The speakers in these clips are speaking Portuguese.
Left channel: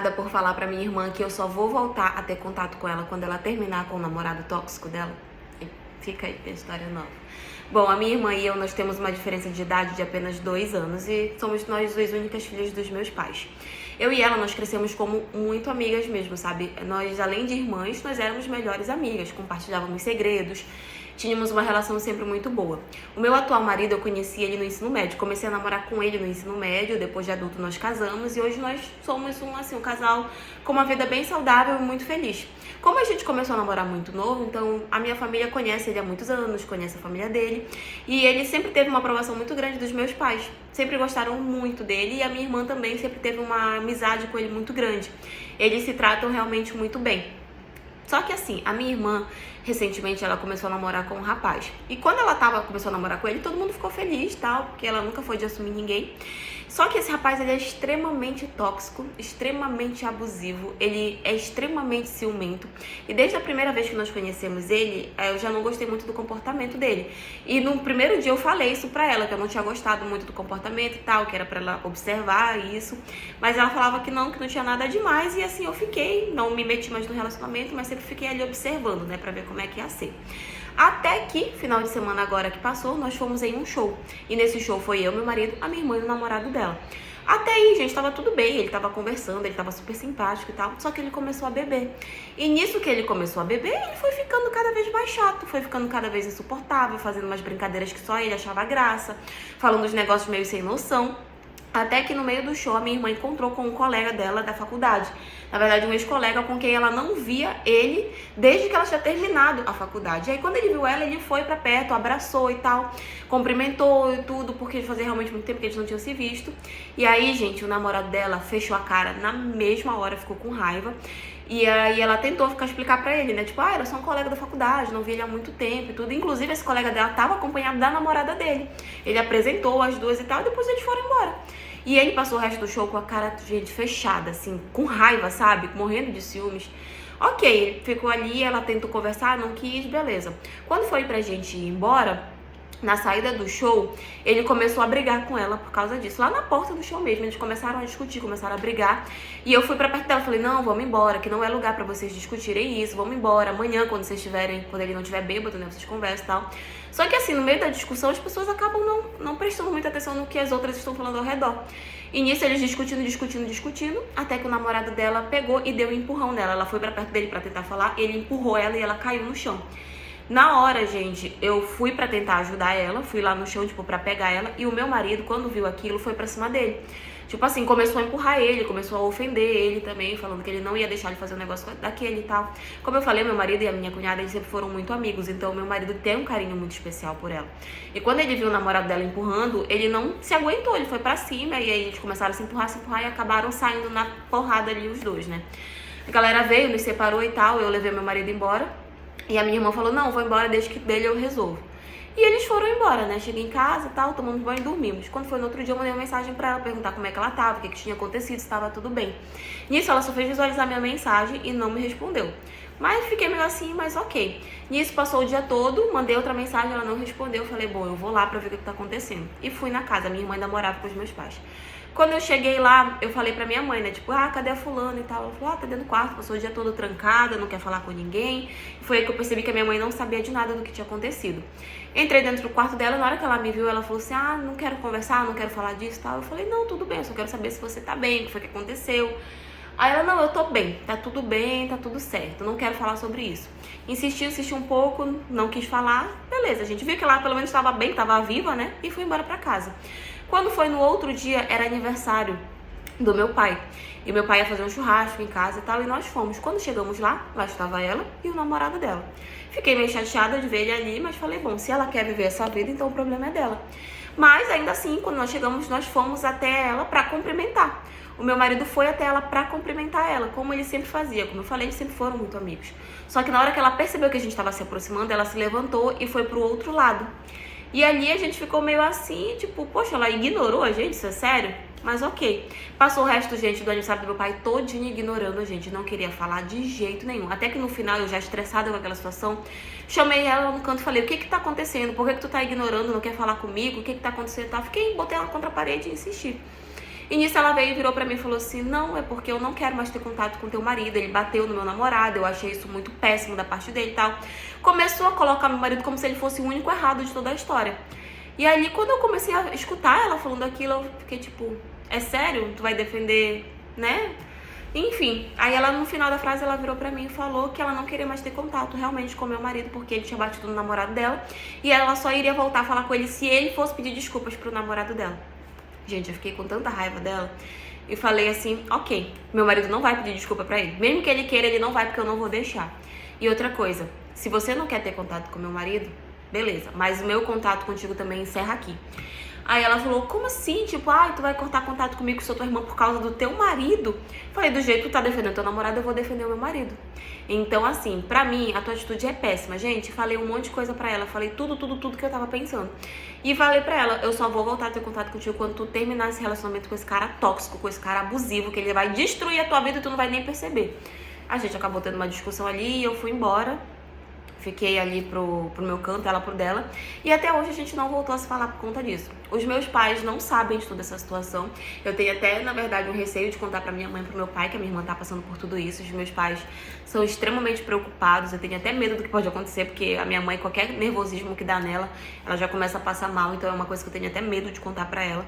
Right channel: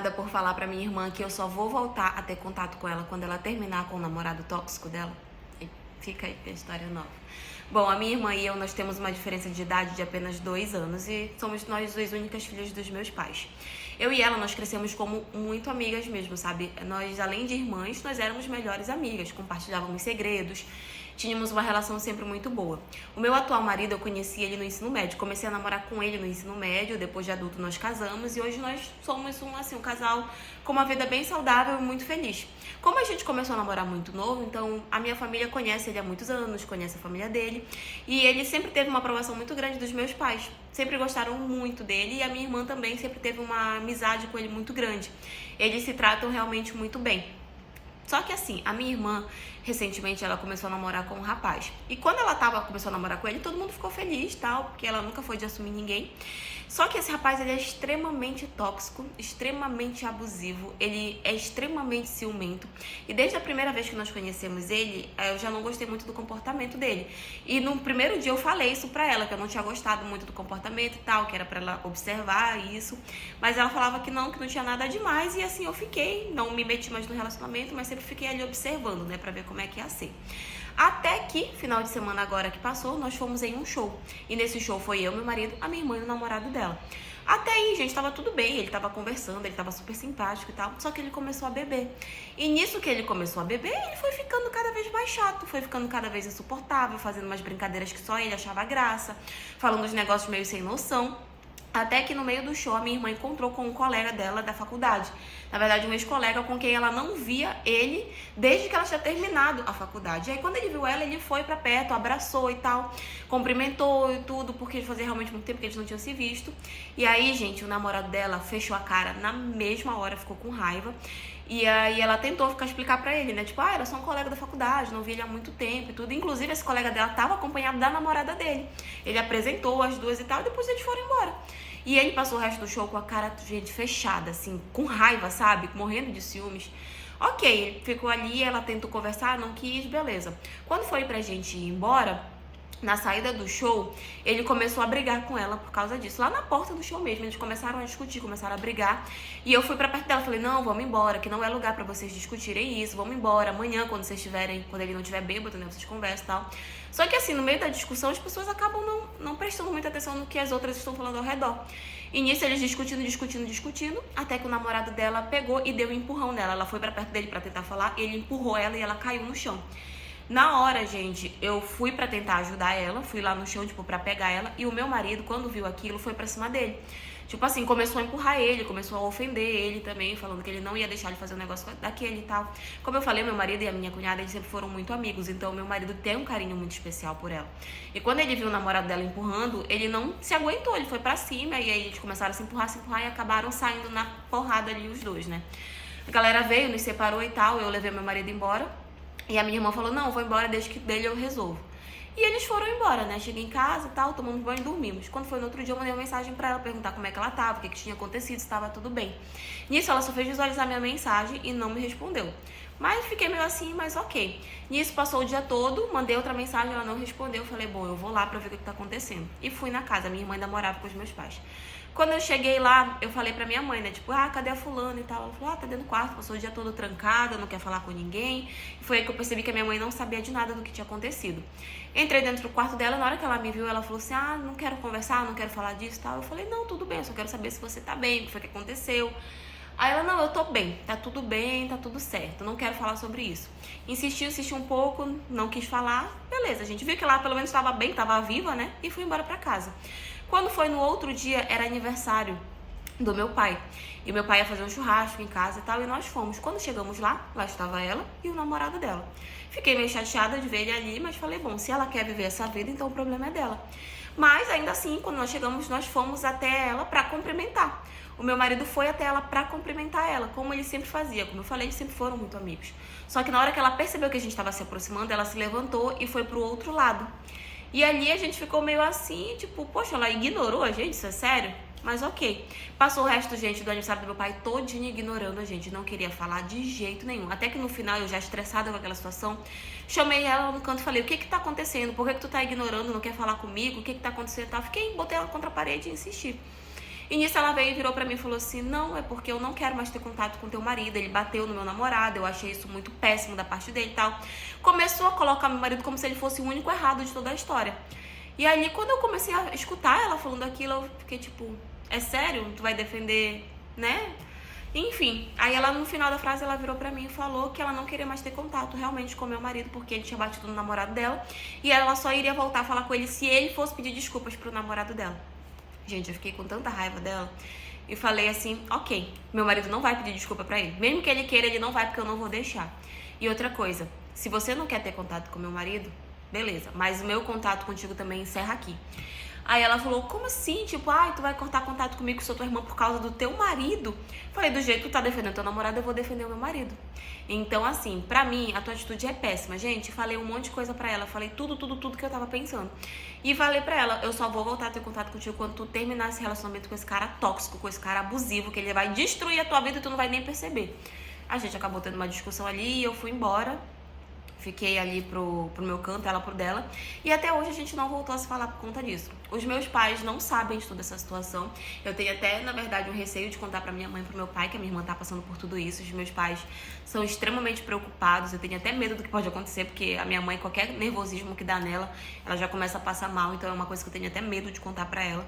apaixonada por falar pra minha irmã que eu só vou voltar a ter contato com ela quando ela terminar com o namorado tóxico dela. E fica aí, tem história nova. Bom, a minha irmã e eu, nós temos uma diferença de idade de apenas 2 anos e somos nós duas únicas filhas dos meus pais. Eu e ela, nós crescemos como muito amigas mesmo, sabe? Nós, além de irmãs, nós éramos melhores amigas, compartilhávamos segredos, tínhamos uma relação sempre muito boa. O meu atual marido, eu conheci ele no ensino médio, comecei a namorar com ele no ensino médio, depois de adulto nós casamos e hoje nós somos um casal com uma vida bem saudável e muito feliz. Como a gente começou a namorar muito novo, então a minha família conhece ele há muitos anos, conhece a família dele. E ele sempre teve uma aprovação muito grande dos meus pais. Sempre gostaram muito dele e a minha irmã também sempre teve uma amizade com ele muito grande. Eles se tratam realmente muito bem. Só que assim, a minha irmã, recentemente, ela começou a namorar com um rapaz. E quando ela começou a namorar com ele, todo mundo ficou feliz, tal, porque ela nunca foi de assumir ninguém. Só que esse rapaz, ele é extremamente tóxico, extremamente abusivo, ele é extremamente ciumento. E desde a primeira vez que nós conhecemos ele, eu já não gostei muito do comportamento dele. E no primeiro dia eu falei isso pra ela, que eu não tinha gostado muito do comportamento e tal, que era pra ela observar isso. Mas ela falava que não tinha nada demais. E assim, eu fiquei, não me meti mais no relacionamento, mas sempre fiquei ali observando, né, pra ver como é que ia ser. Até que, final de semana agora que passou, nós fomos em um show. E nesse show foi eu, meu marido, a minha irmã e o namorado dela. Até aí, gente, tava tudo bem, ele tava conversando, ele tava super simpático e tal, só que ele começou a beber. E nisso que ele começou a beber, ele foi ficando cada vez mais chato, foi ficando cada vez insuportável, fazendo umas brincadeiras que só ele achava graça, falando uns negócios meio sem noção. Até que no meio do show, a minha irmã encontrou com um colega dela da faculdade. Na verdade, um ex-colega com quem ela não via ele desde que ela tinha terminado a faculdade. E aí, quando ele viu ela, ele foi pra perto, abraçou e tal, cumprimentou e tudo, porque fazia realmente muito tempo que eles não tinham se visto. E aí, gente, o namorado dela fechou a cara na mesma hora, ficou com raiva. E aí ela tentou explicar pra ele, né? Tipo, era só um colega da faculdade, não vi ele há muito tempo e tudo. Inclusive, esse colega dela tava acompanhado da namorada dele. Ele apresentou as duas e tal, e depois eles foram embora. E ele passou o resto do show com a cara, gente, fechada, assim, com raiva, sabe? Morrendo de ciúmes. Ok, ele ficou ali, ela tentou conversar, não quis, beleza. Quando foi pra gente ir embora, na saída do show, ele começou a brigar com ela por causa disso. Lá na porta do show mesmo, eles começaram a discutir, começaram a brigar. E eu fui pra perto dela, falei, não, vamos embora, que não é lugar pra vocês discutirem isso, vamos embora. Amanhã, quando ele não estiver bêbado, né, vocês conversam e tal. Só que assim, no meio da discussão, as pessoas acabam não prestando muita atenção no que as outras estão falando ao redor. E nisso, eles discutindo, até que o namorado dela pegou e deu um empurrão nela. Ela foi pra perto dele pra tentar falar, ele empurrou ela e ela caiu no chão. Na hora, gente, eu fui pra tentar ajudar ela, fui lá no chão, tipo, pra pegar ela. E o meu marido, quando viu aquilo, foi pra cima dele. Tipo assim, começou a empurrar ele, começou a ofender ele também, falando que ele não ia deixar ele fazer um negócio daquele e tal. Como eu falei, meu marido e a minha cunhada, eles sempre foram muito amigos, então meu marido tem um carinho muito especial por ela. E quando ele viu o namorado dela empurrando, ele não se aguentou, ele foi pra cima, e aí eles começaram a se empurrar e acabaram saindo na porrada ali os dois, né? A galera veio, nos separou e tal, eu levei meu marido embora, e a minha irmã falou, não, vou embora, desde que dele eu resolvo. E eles foram embora, né? Cheguei em casa e tal, tomamos banho e dormimos. Quando foi no outro dia, eu mandei uma mensagem pra ela, perguntar como é que ela tava, o que tinha acontecido, se tava tudo bem. Nisso, ela só fez visualizar minha mensagem e não me respondeu. Mas fiquei meio assim, mas ok. Nisso, passou o dia todo, mandei outra mensagem, ela não respondeu. Falei, bom, eu vou lá pra ver o que tá acontecendo. E fui na casa, minha irmã ainda morava com os meus pais. Quando eu cheguei lá, eu falei pra minha mãe, né? Tipo, cadê a fulana e tal? Ela falou, tá dentro do quarto, passou o dia todo trancada, não quer falar com ninguém. E foi aí que eu percebi que a minha mãe não sabia de nada do que tinha acontecido. Entrei dentro do quarto dela, na hora que ela me viu, ela falou assim, não quero conversar, não quero falar disso e tal. Eu falei, não, tudo bem, eu só quero saber se você tá bem, o que foi que aconteceu. Aí ela, não, eu tô bem, tá tudo certo, não quero falar sobre isso. Insistiu um pouco, não quis falar, beleza, a gente viu que ela pelo menos estava bem, estava viva, né, e fui embora pra casa. Quando foi no outro dia, era aniversário do meu pai. E meu pai ia fazer um churrasco em casa e tal, e nós fomos. Quando chegamos lá estava ela e o namorado dela. Fiquei meio chateada de ver ele ali, mas falei, bom, se ela quer viver essa vida, então o problema é dela. Mas ainda assim, quando nós chegamos, nós fomos até ela pra cumprimentar. O meu marido foi até ela pra cumprimentar ela, como ele sempre fazia. Como eu falei, eles sempre foram muito amigos. Só que na hora que ela percebeu que a gente estava se aproximando, ela se levantou e foi pro outro lado. E ali a gente ficou meio assim, tipo, poxa, ela ignorou a gente, isso é sério? Mas ok. Passou o resto, gente, do aniversário do meu pai todinho ignorando a gente, não queria falar de jeito nenhum. Até que no final, eu já estressada com aquela situação, chamei ela no canto e falei, o que que tá acontecendo? Por que que tu tá ignorando, não quer falar comigo? O que que tá acontecendo? Botei ela contra a parede e insisti. E nisso ela veio e virou pra mim e falou assim, não, é porque eu não quero mais ter contato com teu marido, ele bateu no meu namorado, eu achei isso muito péssimo da parte dele e tal. Começou a colocar meu marido como se ele fosse o único errado de toda a história. E aí, quando eu comecei a escutar ela falando aquilo, eu fiquei tipo, é sério? Tu vai defender, né? Enfim, aí ela no final da frase ela virou pra mim e falou que ela não queria mais ter contato realmente com meu marido porque ele tinha batido no namorado dela e ela só iria voltar a falar com ele se ele fosse pedir desculpas pro namorado dela. Gente, eu fiquei com tanta raiva dela e falei assim, ok, meu marido não vai pedir desculpa pra ele. Mesmo que ele queira, ele não vai porque eu não vou deixar. E outra coisa, se você não quer ter contato com meu marido, beleza, mas o meu contato contigo também encerra aqui. Aí ela falou, como assim? Tipo, ai, tu vai cortar contato comigo, sou tua irmã por causa do teu marido? Falei, do jeito que tu tá defendendo teu namorado, eu vou defender o meu marido. Então, assim, pra mim, a tua atitude é péssima. Gente, falei um monte de coisa pra ela, falei tudo que eu tava pensando. E falei pra ela, eu só vou voltar a ter contato contigo quando tu terminar esse relacionamento com esse cara tóxico, com esse cara abusivo, que ele vai destruir a tua vida e tu não vai nem perceber. A gente acabou tendo uma discussão ali e eu fui embora. Fiquei ali pro meu canto, ela pro dela. E até hoje a gente não voltou a se falar por conta disso. Os meus pais não sabem de toda essa situação. Eu tenho até, na verdade, um receio de contar pra minha mãe e pro meu pai, que a minha irmã tá passando por tudo isso. Os meus pais são extremamente preocupados. Eu tenho até medo do que pode acontecer, porque a minha mãe, qualquer nervosismo que dá nela, ela já começa a passar mal. Então é uma coisa que eu tenho até medo de contar pra ela.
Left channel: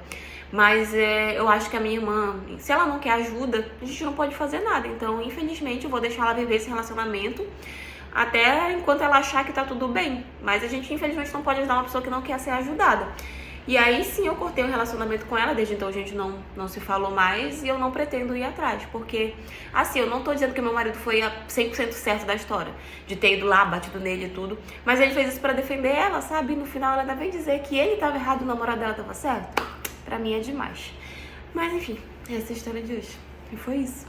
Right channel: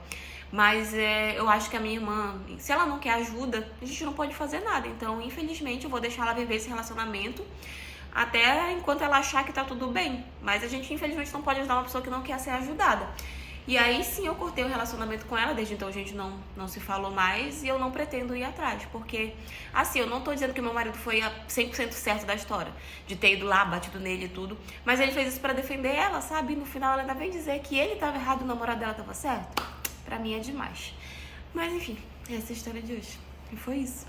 Mas eu acho que a minha irmã, se ela não quer ajuda, a gente não pode fazer nada. Então, infelizmente, eu vou deixar ela viver esse relacionamento até enquanto ela achar que tá tudo bem. Mas a gente, infelizmente, não pode ajudar uma pessoa que não quer ser ajudada. E aí, sim, eu cortei o relacionamento com ela. Desde então, a gente não se falou mais. E eu não pretendo ir atrás. Porque, assim, eu não tô dizendo que meu marido foi 100% certo da história. De ter ido lá, batido nele e tudo. Mas ele fez isso pra defender ela, sabe? E no final, ela ainda vem dizer que ele tava errado e o namorado dela tava certo. Pra mim, é demais. Mas, enfim, essa é a história de hoje. E foi isso.